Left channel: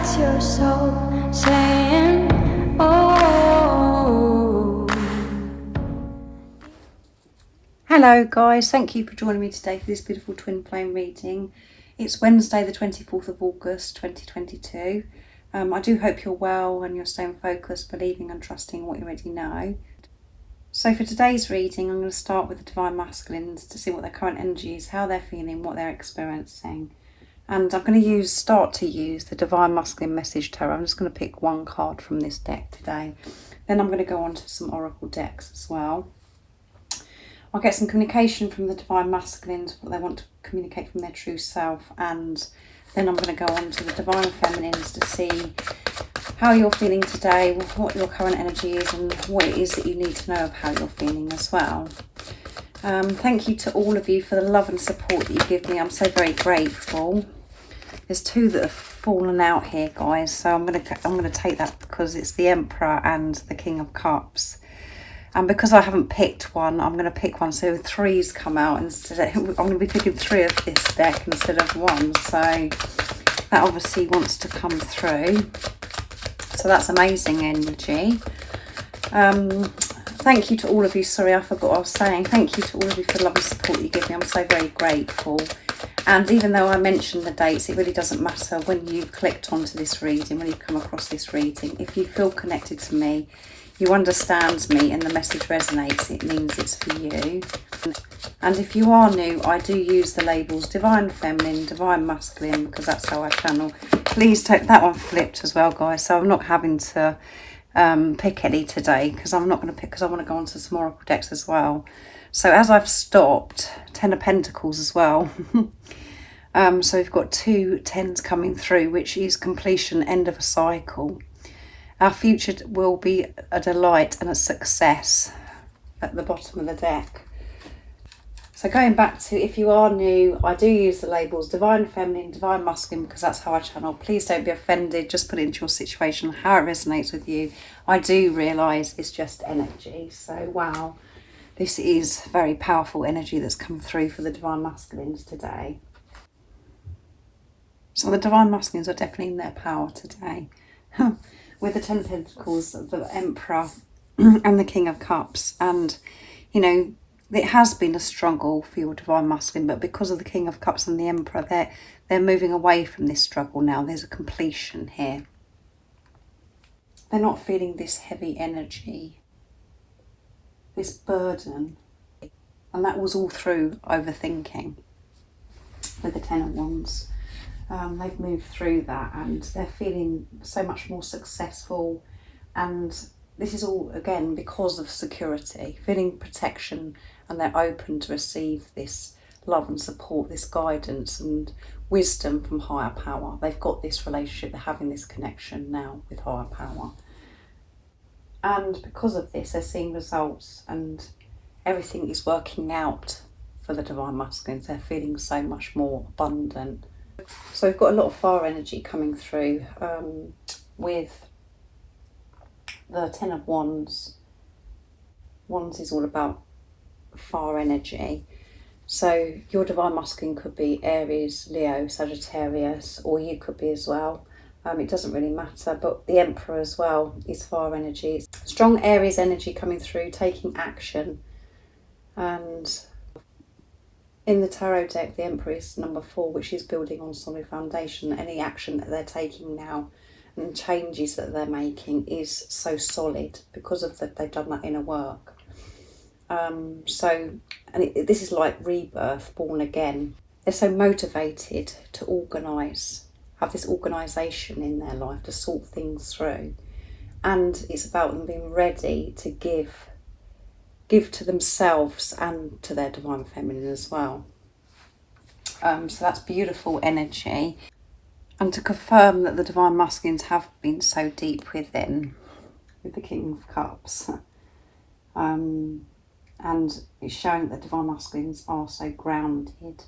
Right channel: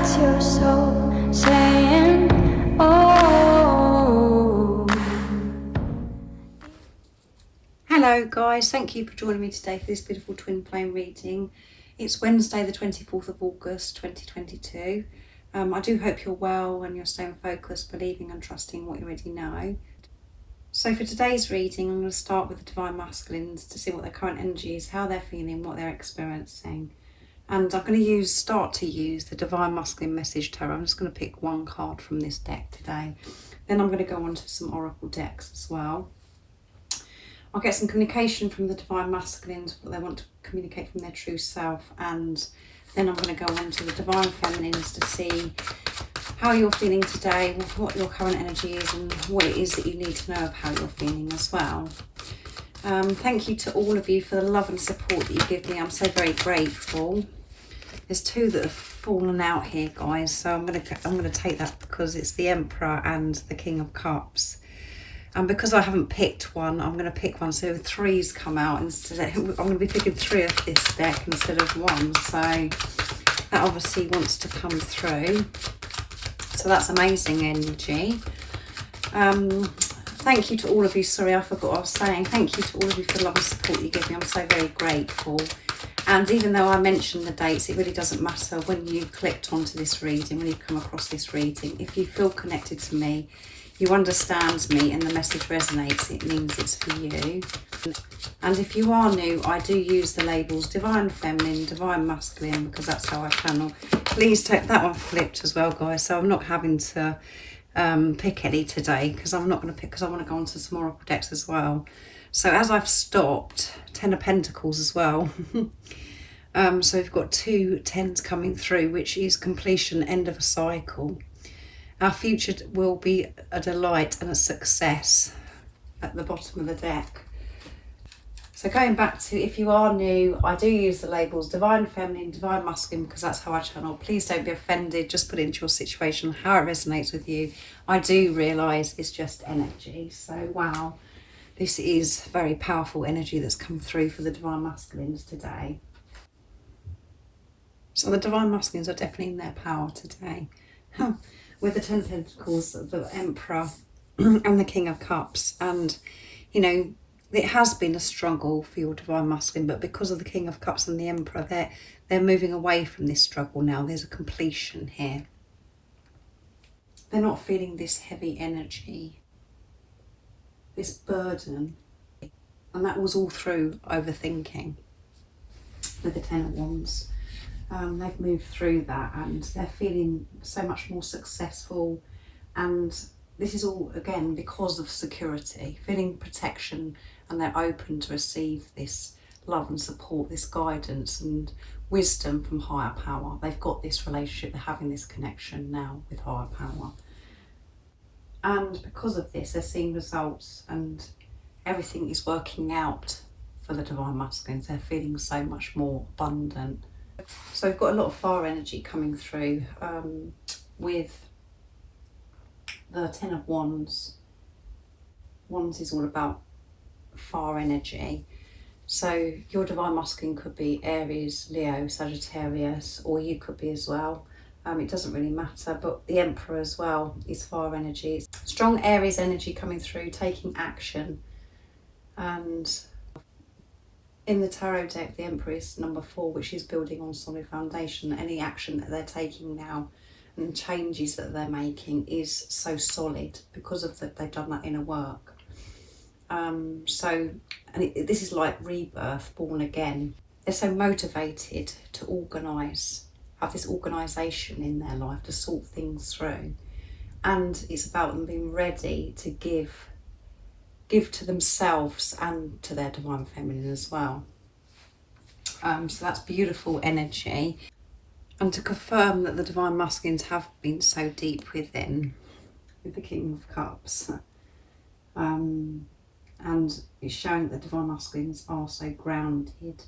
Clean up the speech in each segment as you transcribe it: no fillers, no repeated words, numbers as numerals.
That's your soul saying, oh. Hello guys, thank you for joining me today for this beautiful twin flame reading. It's Wednesday the 24th of August 2022. I do hope you're well and you're staying focused, believing and trusting what you already know. So for today's reading, I'm going to start with the Divine Masculines to see what their current energy is, how they're feeling, what they're experiencing. And I'm going to start to use the Divine Masculine Message Tarot. I'm just going to pick one card from this deck today. Then I'm going to go on to some Oracle decks as well. I'll get some communication from the Divine Masculines, what they want to communicate from their true self. And then I'm going to go on to the Divine Feminines to see how you're feeling today, what your current energy is and what it is that you need to know of how you're feeling as well. Thank you to all of you for the love and support that you give me. I'm so very grateful. There's two that have fallen out here, guys, so I'm gonna take that because it's the Emperor and the King of Cups. And because I haven't picked one, I'm going to pick one. So three's come out instead. I'm going to be picking three of this deck instead of one. So that obviously wants to come through. So that's amazing energy. Thank you to all of you. Sorry, I forgot what I was saying. Thank you to all of you for the love and support that you give me. I'm so very grateful. And even though I mentioned the dates, it really doesn't matter when you've clicked onto this reading, when you've come across this reading. If you feel connected to me, you understand me and the message resonates, it means it's for you. And if you are new, I do use the labels Divine Feminine, Divine Masculine, because that's how I channel. Please take that one flipped as well, guys. So I'm not having to pick any today, because I'm not going to pick, because I want to go on to some Oracle decks as well. So as I've stopped, 10 of Pentacles as well. So we've got 2 10s coming through, which is completion, end of a cycle. Our future will be a delight and a success at the bottom of the deck. So going back to, if you are new, I do use the labels Divine Feminine, Divine Masculine, because that's how I channel. Please don't be offended. Just put it into your situation, how it resonates with you. I do realise it's just energy. So, wow, this is very powerful energy that's come through for the Divine Masculines today. So the Divine Masculines are definitely in their power today. With the 10 of Pentacles, the Emperor and the King of Cups. And, you know, it has been a struggle for your Divine Masculine, but because of the King of Cups and the Emperor, they're moving away from this struggle now. There's a completion here. They're not feeling this heavy energy, this burden. And that was all through overthinking with the 10 of Wands. They've moved through that and they're feeling so much more successful, and this is all again because of security, feeling protection, and they're open to receive this love and support, this guidance and wisdom from higher power. They've got this relationship, they're having this connection now with higher power, and because of this they're seeing results and everything is working out for the Divine Masculines. They're feeling so much more abundant. So we've got a lot of fire energy coming through with the 10 of Wands. Wands is all about fire energy. So your Divine Masculine could be Aries, Leo, Sagittarius, or you could be as well. It doesn't really matter, but the Emperor as well is fire energy. Strong Aries energy coming through, taking action. And in the tarot deck, the Emperor is number 4, which is building on solid foundation. Any action that they're taking now and changes that they're making is so solid because of that they've done that inner work. This is like rebirth, born again. They're so motivated to organise, have this organisation in their life to sort things through. And it's about them being ready to give to themselves and to their Divine Feminine as well. So that's beautiful energy. And to confirm that the Divine Masculines have been so deep within, with the King of Cups. And it's showing that the Divine Masculines are so grounded.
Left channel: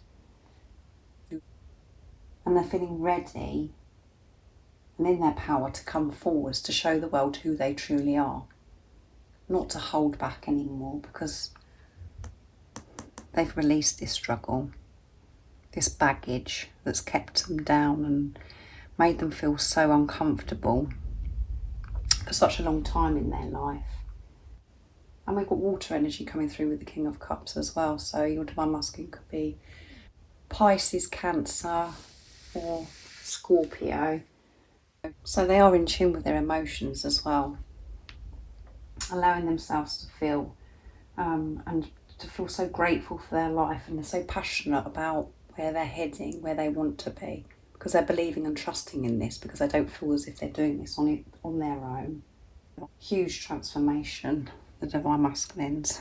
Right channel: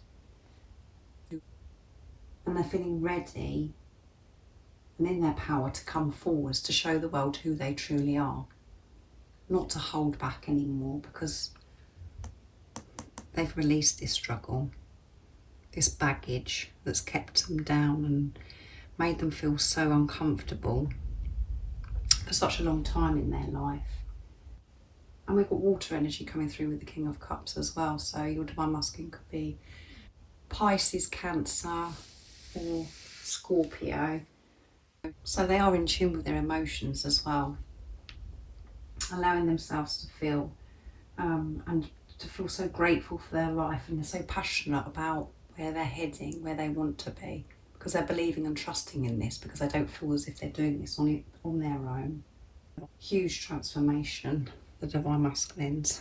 And they're feeling ready and in their power to come forwards to show the world who they truly are. Not to hold back anymore, because they've released this struggle, this baggage that's kept them down and made them feel so uncomfortable for such a long time in their life. And we've got water energy coming through with the King of Cups as well. So your divine masculine could be Pisces, Cancer or Scorpio. So they are in tune with their emotions as well, allowing themselves to feel and to feel so grateful for their life, and they're so passionate about where they're heading, where they want to be, because they're believing and trusting in this, because they don't feel as if they're doing this on their own. Huge transformation the divine masculines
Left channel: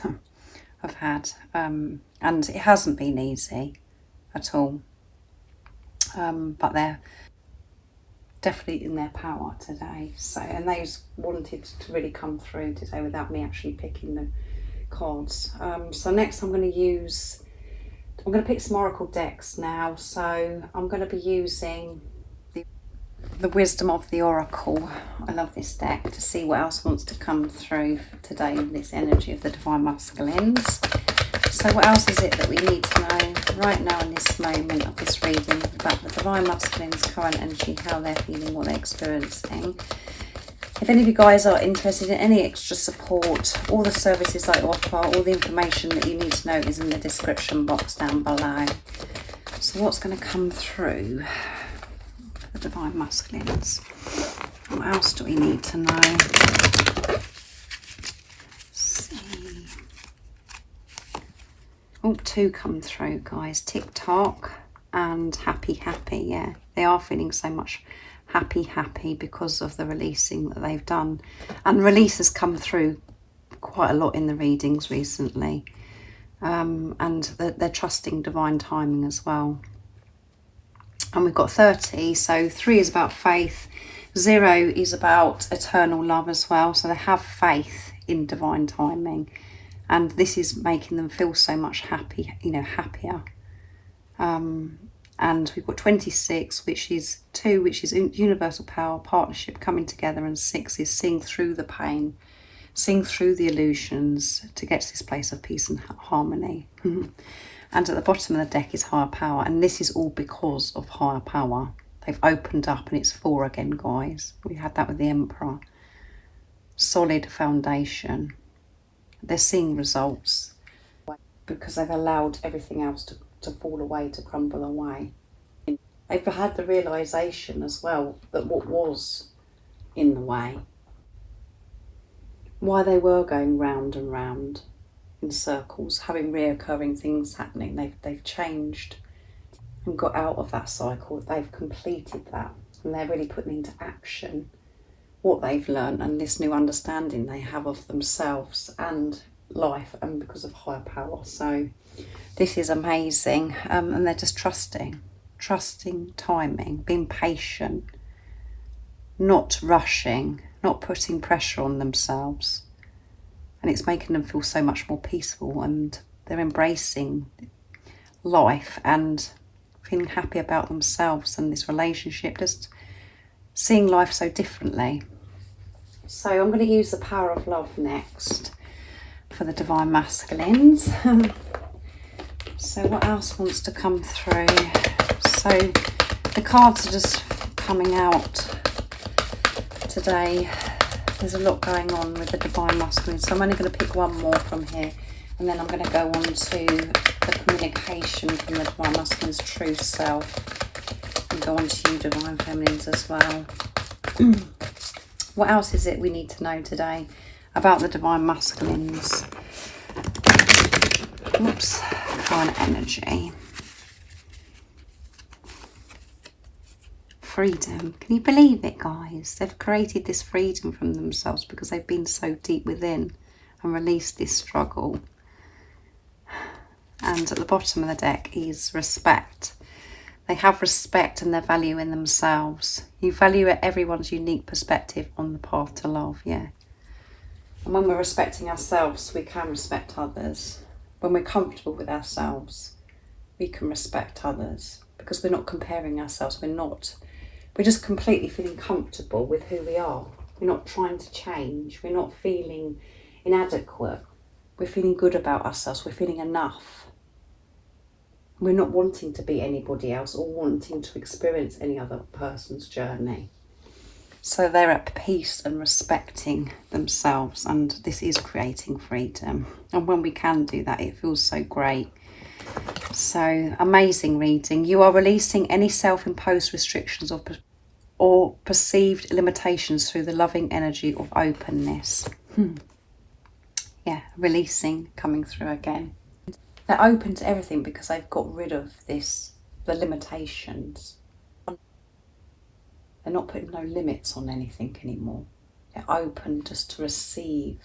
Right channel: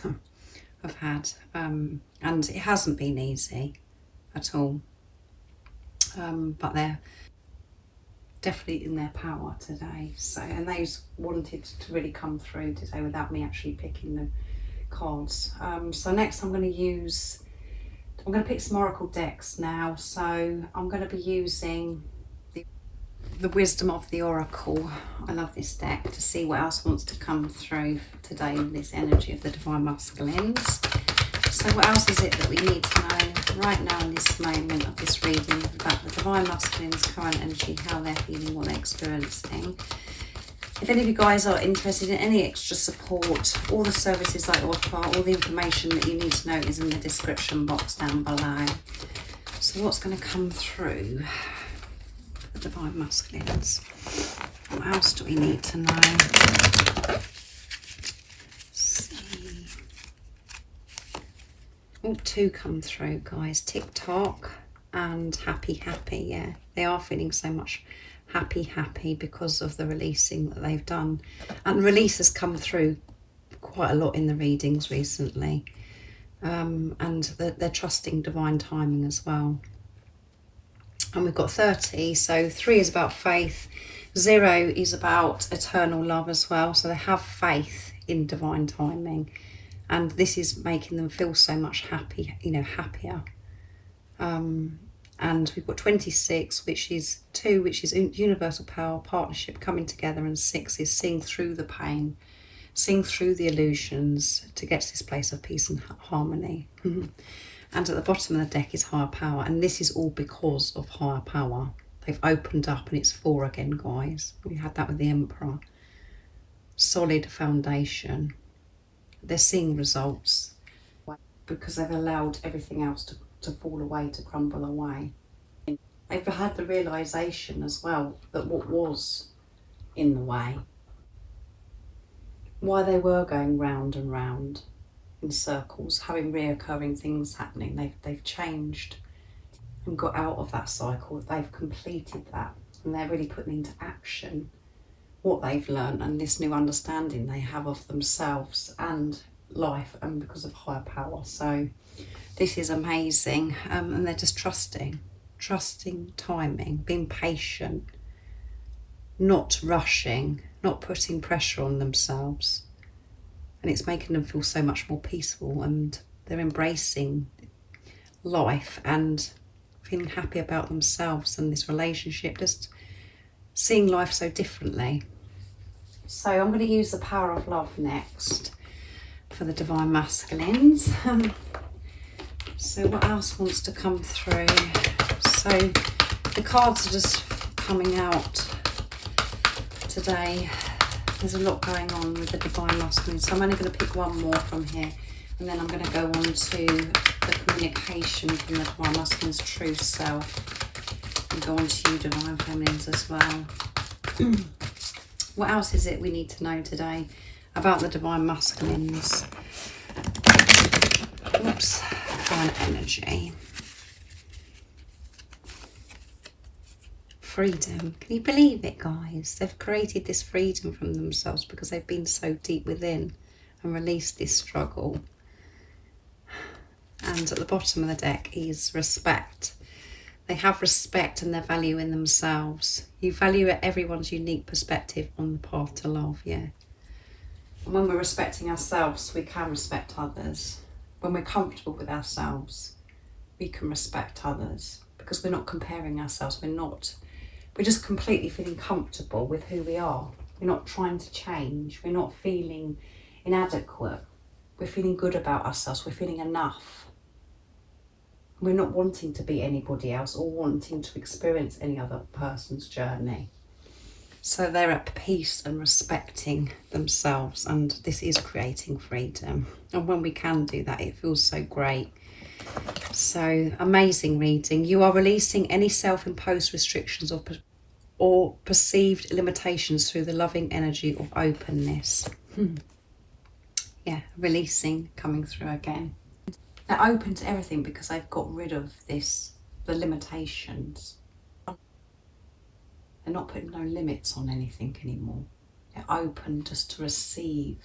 have had, and it hasn't been easy at all, but they're definitely in their power today. So, and those wanted to really come through today without me actually picking the cards. So next I'm going to pick some oracle decks now. So I'm going to be using the wisdom of the oracle. I love this deck, to see what else wants to come through today in this energy of the divine masculines. So what else is it that we need to know right now in this moment of this reading about the divine masculines' current energy, how they're feeling, what they're experiencing? If any of you guys are interested in any extra support, all the services I offer, all the information that you need to know is in the description box down below. So what's going to come through for the divine masculines? What else do we need to know? Oh, two come through, guys. TikTok and happy. Yeah, they are feeling so much happy because of the releasing that they've done. And release has come through quite a lot in the readings recently. And they're trusting divine timing as well. And we've got 30. So 3 is about faith. 0 is about eternal love as well. So they have faith in divine timing. And this is making them feel so much happier. And we've got 26, which is 2, which is universal power, partnership, coming together, and 6 is seeing through the pain, seeing through the illusions to get to this place of peace and harmony. And at the bottom of the deck is higher power, and this is all because of higher power. They've opened up, and it's 4 again, guys. We had that with the Emperor. Solid foundation. They're seeing results because they've allowed everything else to fall away, to crumble away. They've had the realisation as well that what was in the way, why they were going round and round in circles, having reoccurring things happening, they've changed and got out of that cycle. They've completed that, and they're really putting into action what they've learned and this new understanding they have of themselves and life, and because of higher power. So this is amazing, and they're just trusting timing, being patient, not rushing, not putting pressure on themselves, and it's making them feel so much more peaceful, and they're embracing life and feeling happy about themselves and this relationship, just seeing life so differently. So I'm going to use the power of love next for the divine masculines. So what else wants to come through? So the cards are just coming out today. There's a lot going on with the divine masculine, so I'm only going to pick one more from here, and then I'm going to go on to the communication from the divine masculine's true self, and go on to you divine feminines as well. What else is it we need to know today about the divine masculines? Oops, current energy. Freedom. Can you believe it, guys? They've created this freedom from themselves because they've been so deep within and released this struggle. And at the bottom of the deck is respect. They have respect and their value in themselves. You value everyone's unique perspective on the path to love, yeah. And when we're respecting ourselves, we can respect others. When we're comfortable with ourselves, we can respect others because we're not comparing ourselves. We're just completely feeling comfortable with who we are. We're not trying to change. We're not feeling inadequate. We're feeling good about ourselves. We're feeling enough. We're not wanting to be anybody else or wanting to experience any other person's journey. So they're at peace and respecting themselves, and this is creating freedom. And when we can do that, it feels so great. So amazing reading. You are releasing any self-imposed restrictions or perceived limitations through the loving energy of openness. Yeah, releasing, coming through again. They're open to everything because they've got rid of the limitations. They're not putting no limits on anything anymore. They're open just to receive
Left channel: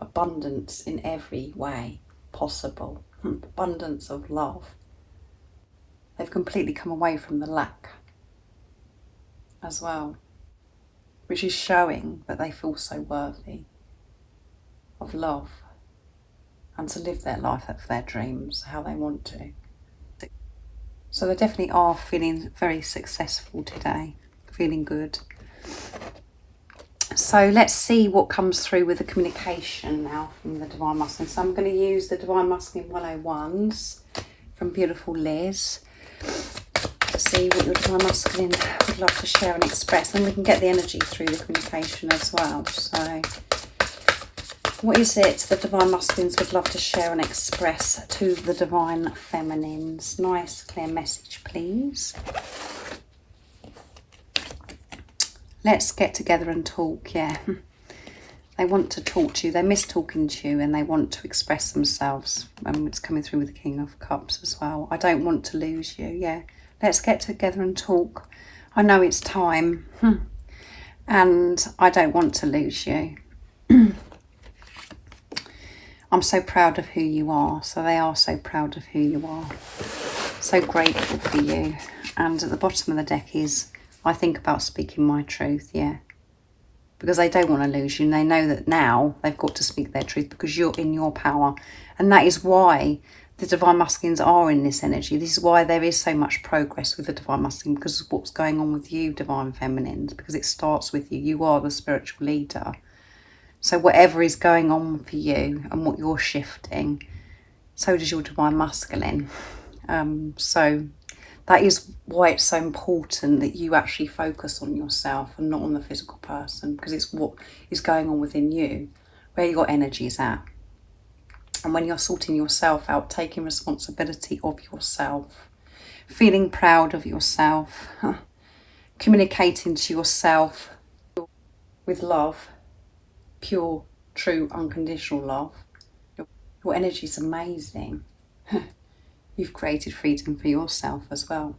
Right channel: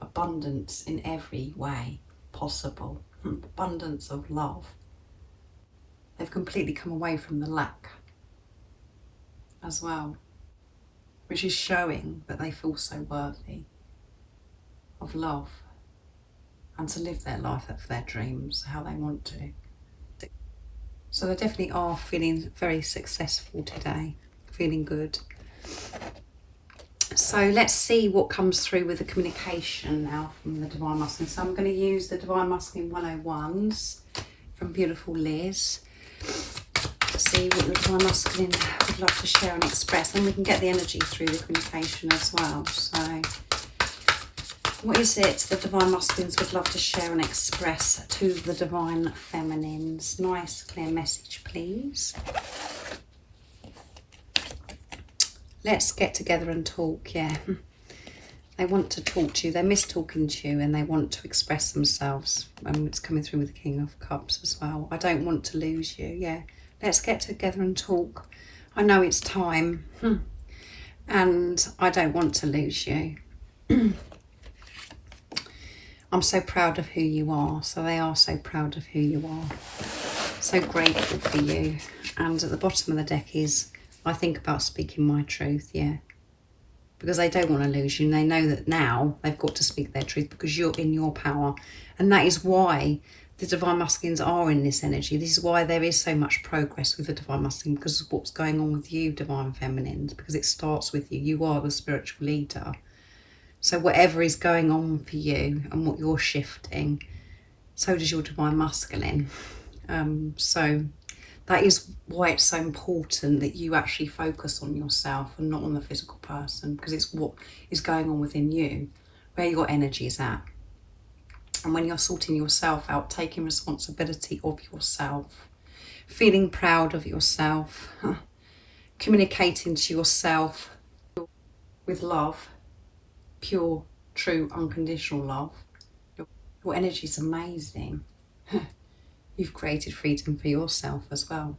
abundance in every way possible. Abundance of love. They've completely come away from the lack as well, which is showing that they feel so worthy of love and to live their life of their dreams, how they want to. So they definitely are feeling very successful today, feeling good. So let's see what comes through with the communication now from the Divine Masculine. So I'm going to use the Divine Masculine 101s from beautiful Liz to see what your Divine Masculine would love to share and express. And we can get the energy through the communication as well. So what is it the Divine Masculines would love to share and express to the Divine Feminines? Nice, clear message, please. Let's get together and talk, yeah. They want to talk to you. They miss talking to you and they want to express themselves. It's coming through with the King of Cups as well. I don't want to lose you, yeah. Let's get together and talk. I know it's time. And I don't want to lose you. I'm so proud of who you are. So they are so proud of who you are. So grateful for you. And at the bottom of the deck is, I think about speaking my truth, yeah. Because they don't want to lose you. And they know that now they've got to speak their truth because you're in your power. And that is why the Divine Masculines are in this energy. This is why there is so much progress with the Divine Masculine, because of what's going on with you, Divine Feminines. Because it starts with you. You are the spiritual leader. So whatever is going on for you and what you're shifting, so does your Divine Masculine. So that is why it's so important that you actually focus on yourself and not on the physical person, because it's what is going on within you, where your energy is at. And when you're sorting yourself out, taking responsibility of yourself, feeling proud of yourself, communicating to yourself with love, pure, true, unconditional love, your energy is amazing. You've created freedom for yourself as well.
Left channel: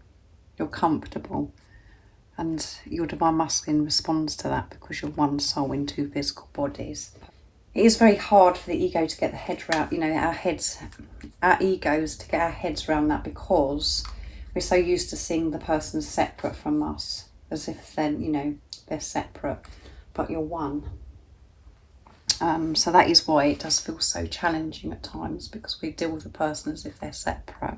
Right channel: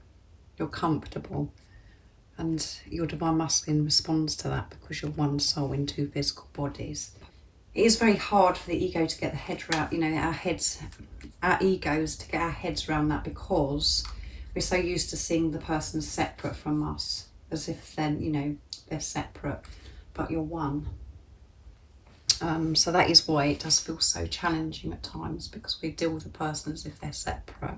You're comfortable. And your Divine Masculine responds to that because you're one soul in two physical bodies. It is very hard for the ego to get the head around, our egos to get our heads around that, because we're so used to seeing the person separate from us, as if then, they're separate, but you're one. So that is why it does feel so challenging at times, because we deal with the person as if they're separate.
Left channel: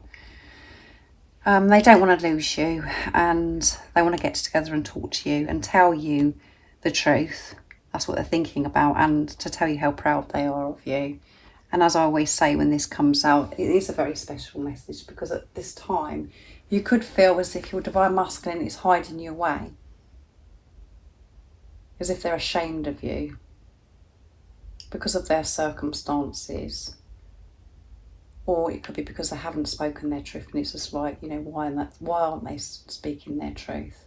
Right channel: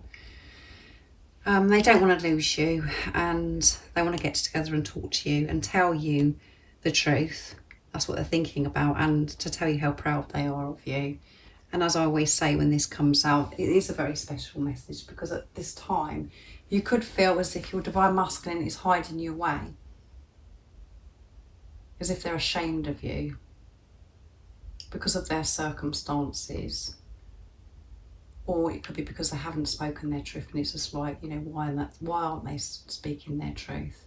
They don't want to lose you, and they want to get together and talk to you and tell you the truth. That's what they're thinking about, and to tell you how proud they are of you. And as I always say when this comes out, it is a very special message, because at this time you could feel as if your Divine Masculine is hiding you away, as if they're ashamed of you because of their circumstances, or it could be because they haven't spoken their truth, and it's just like, why aren't they speaking their truth?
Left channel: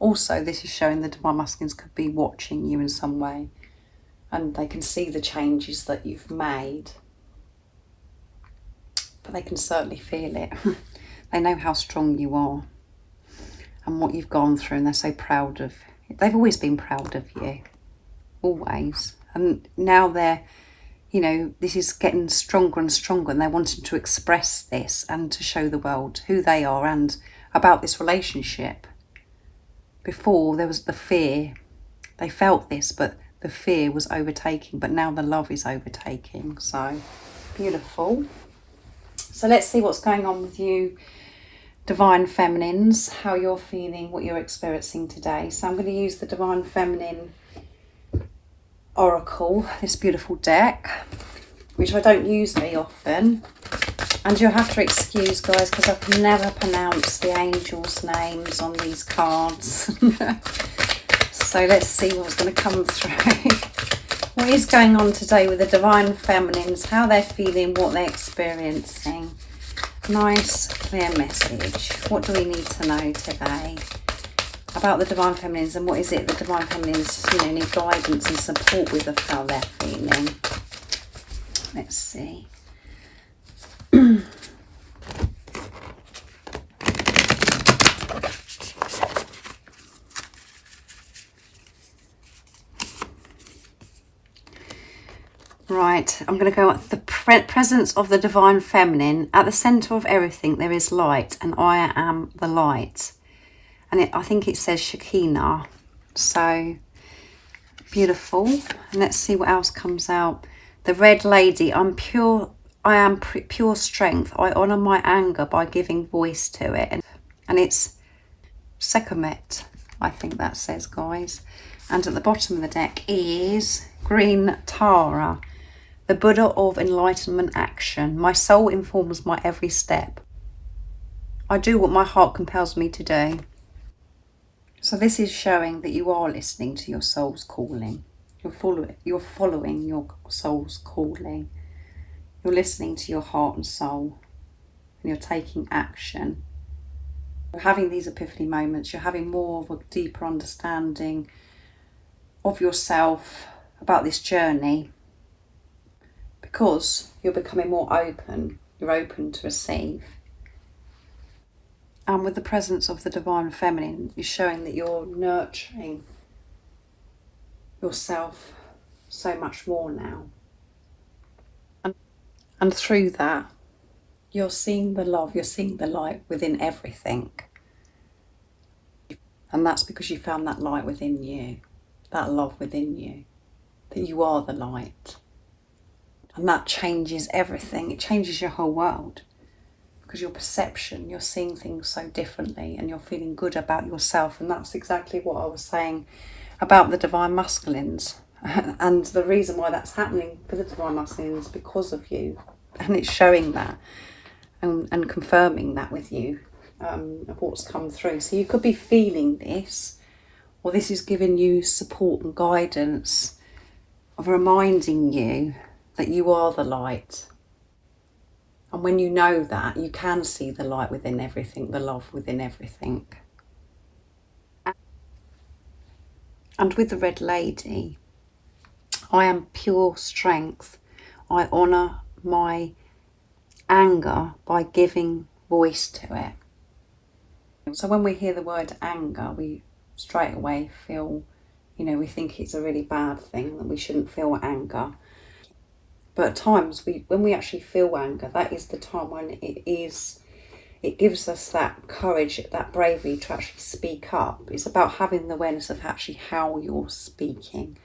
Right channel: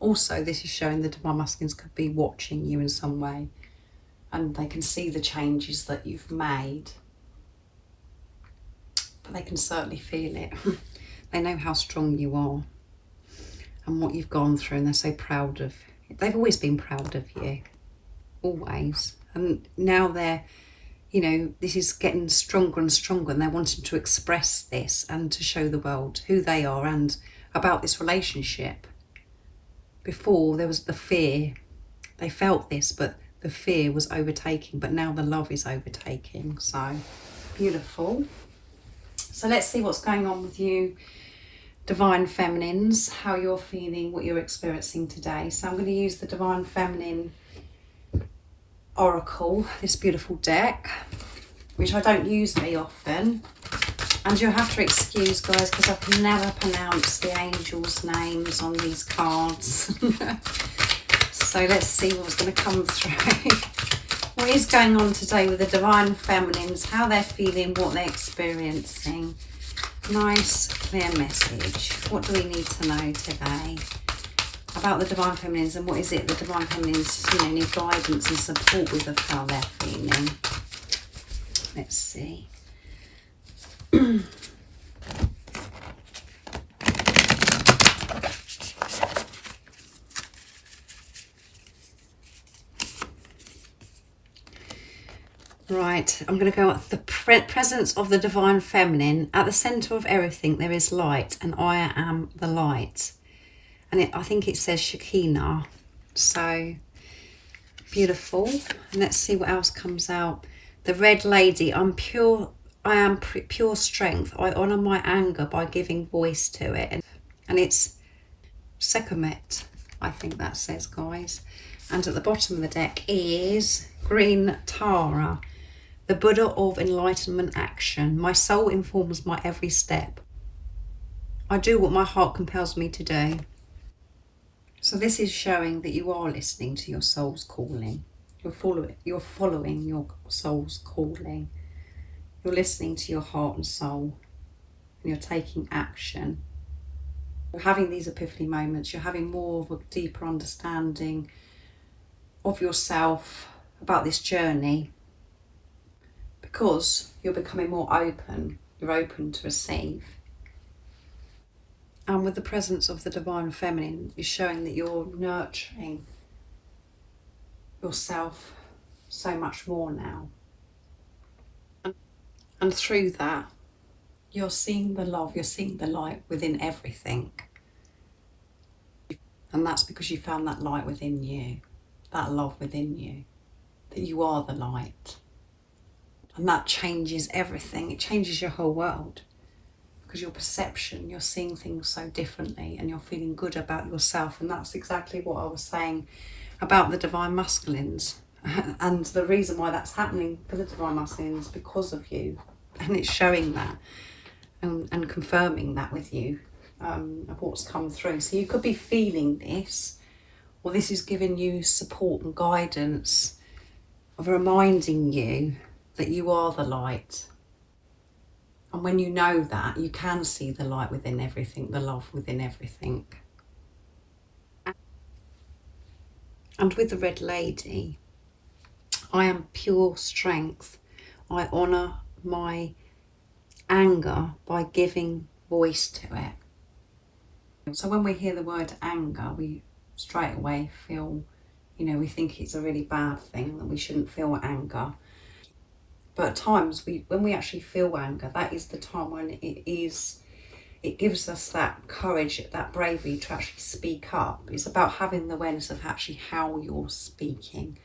Also, this is showing the Divine Masculines could be watching you in some way, and they can see the changes that you've made, but they can certainly feel it. They know how strong you are and what you've gone through, and they're so proud of you. They've always been proud of you, always. And now they're, this is getting stronger and stronger, and they're wanting to express this and to show the world who they are and about this relationship. Before, there was the fear. They felt this, but the fear was overtaking, but now the love is overtaking. So beautiful. So let's see what's going on with you, Divine Feminines, how you're feeling, what you're experiencing today. So I'm going to use the Divine Feminine Oracle, this beautiful deck, which I don't use very often. And you'll have to excuse, guys, because I can never pronounce the angels' names on these cards. So let's see what's going to come through. What is going on today with the Divine Feminines, how they're feeling, what they're experiencing. Nice, clear message. What do we need to know today about the Divine Feminines, and what is it the Divine Feminines, need guidance and support with of how they're feeling? Let's see. Right, I'm going to go at the presence of the Divine Feminine. At the centre of everything there is light, and I am the light. And I think it says Shekinah. So beautiful. And let's see what else comes out. The Red Lady. I am pure strength. I honour my anger by giving voice to it. And it's Sekhmet, I think that says, guys. And at the bottom of the deck is Green Tara. The Buddha of enlightenment action. My soul informs my every step. I do what my heart compels me to do. So this is showing that you are listening to your soul's calling. You're following your soul's calling. You're listening to your heart and soul. And you're taking action. You're having these epiphany moments. You're having more of a deeper understanding of yourself, about this journey. Because you're becoming more open. You're open to receive. And with the presence of the Divine Feminine, you're showing that you're nurturing yourself so much more now. And through that, you're seeing the love, you're seeing the light within everything. And that's because you found that light within you, that love within you, that you are the light. And that changes everything. It changes your whole world. Because your perception, you're seeing things so differently, and you're feeling good about yourself. And that's exactly what I was saying about the Divine Masculines. And the reason why that's happening for the Divine Masculines is because of you. And it's showing that and confirming that with you, of what's come through. So you could be feeling this, or this is giving you support and guidance of reminding you that you are the light. And when you know that, you can see the light within everything, the love within everything. And with the Red Lady, I am pure strength. I honour my anger by giving voice to it. So when we hear the word anger, we straight away feel, we think it's a really bad thing, that we shouldn't feel anger. But at times, when we actually feel anger, that is the time when it gives us that courage, that bravery to actually speak up. It's about having the awareness of actually how you're speaking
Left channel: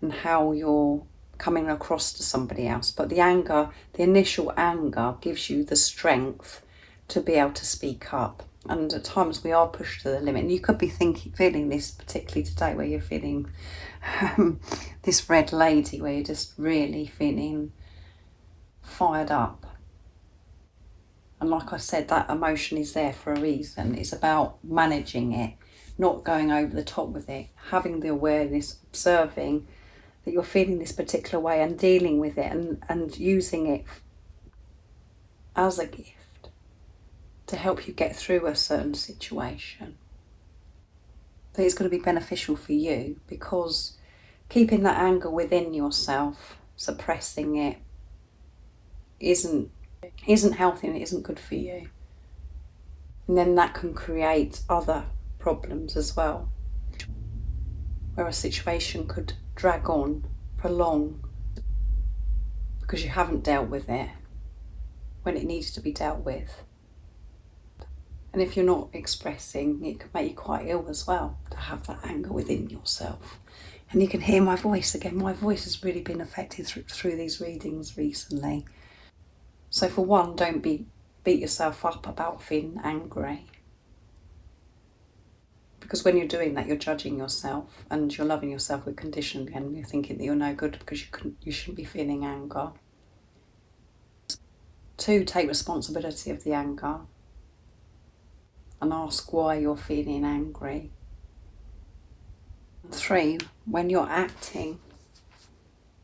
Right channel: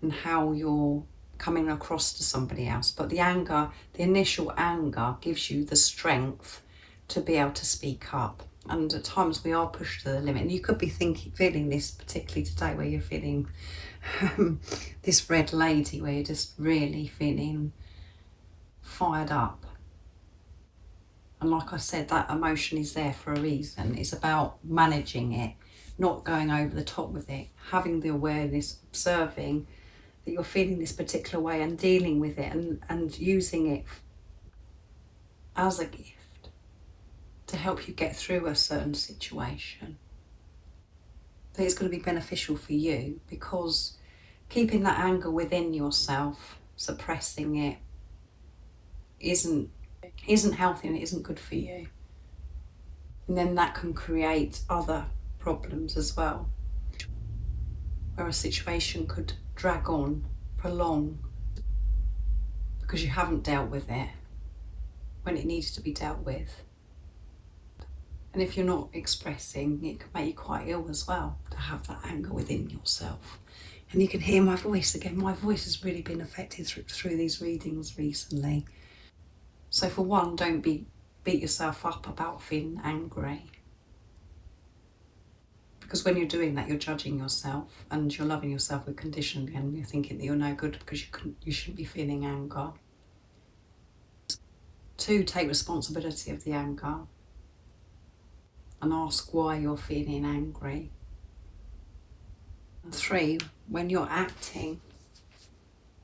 and how you're coming across to somebody else. But the anger, the initial anger, gives you the strength to be able to speak up. And at times we are pushed to the limit. And you could be feeling this particularly today, where you're feeling this Red Lady, where you're just really feeling fired up. And like I said, that emotion is there for a reason. It's about managing it, not going over the top with it, having the awareness, observing that you're feeling this particular way and dealing with it, and using it as a gift to help you get through a certain situation. That it's going to be beneficial for you, because keeping that anger within yourself, suppressing it, isn't healthy, and it isn't good for you. And then that can create other problems as well, where a situation could drag on, prolong, because you haven't dealt with it when it needs to be dealt with. And if you're not expressing, it can make you quite ill as well, to have that anger within yourself. And you can hear my voice again. My voice has really been affected through these readings recently. So for one, don't beat yourself up about feeling angry. Because when you're doing that, you're judging yourself, and you're loving yourself with condition, and you're thinking that you're no good because you shouldn't be feeling anger. 2, take responsibility of the anger and ask why you're feeling angry. 3, when you're acting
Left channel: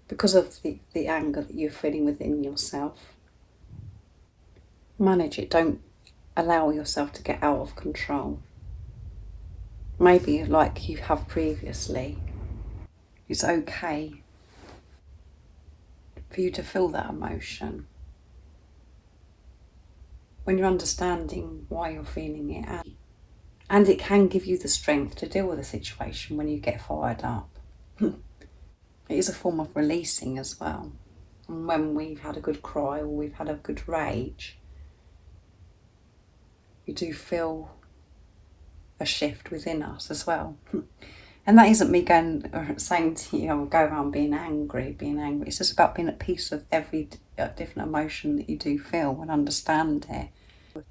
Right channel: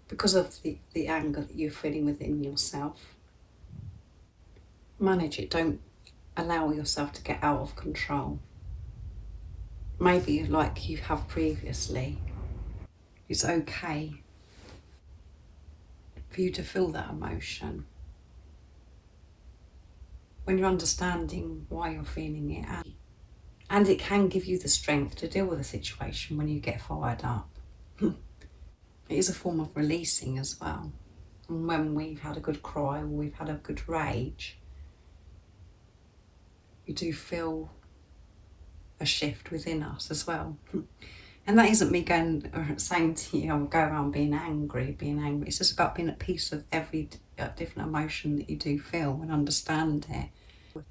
because of the anger that you're feeling within yourself, manage it. Don't allow yourself to get out of control. Maybe like you have previously. It's okay for you to feel that emotion. When you're understanding why you're feeling it, and it can give you the strength to deal with a situation when you get fired up. It is a form of releasing as well. And when we've had a good cry or we've had a good rage, you do feel a shift within us as well. And that isn't me saying to you, I'm going around being angry. It's just about being at peace with every different emotion that you do feel and understand it.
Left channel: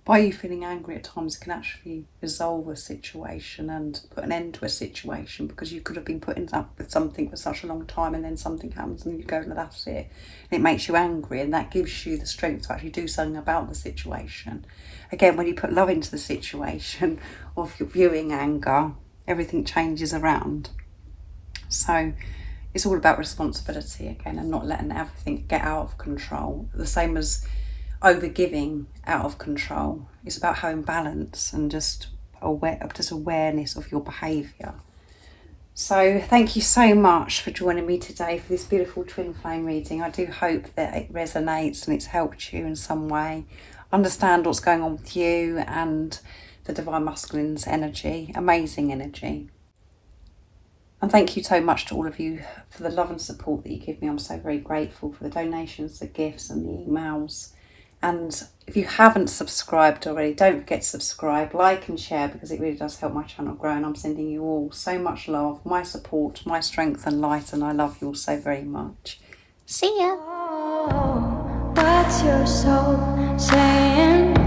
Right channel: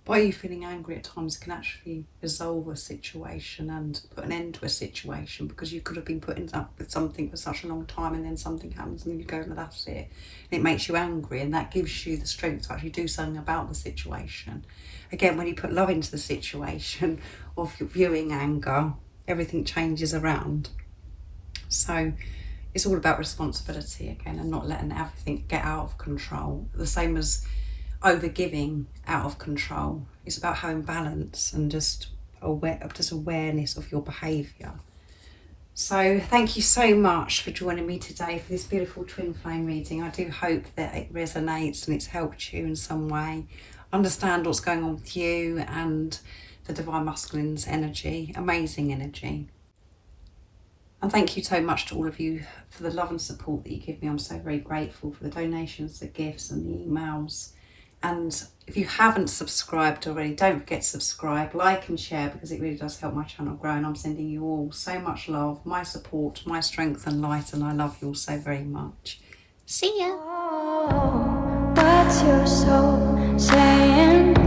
By you feeling angry at times can actually resolve a situation and put an end to a situation, because you could have been putting up with something for such a long time and then something happens and you go, no, that's it. And it makes you angry, and that gives you the strength to actually do something about the situation. Again, when you put love into the situation of viewing anger, everything changes around. So it's all about responsibility again, and not letting everything get out of control. The same as over-giving out of control. It's about having balance and just awareness of your behaviour. So thank you so much for joining me today for this beautiful twin flame reading. I do hope that it resonates and it's helped you in some way understand what's going on with you and the Divine Masculine's energy, amazing energy. And thank you so much to all of you for the love and support that you give me. I'm so very grateful for the donations, the gifts and the emails. And if you haven't subscribed already, don't forget to subscribe, like and share, because it really does help my channel grow. And I'm sending you all so much love, my support, my strength and light, and I love you all so very much. See ya. Oh, what's your soul saying?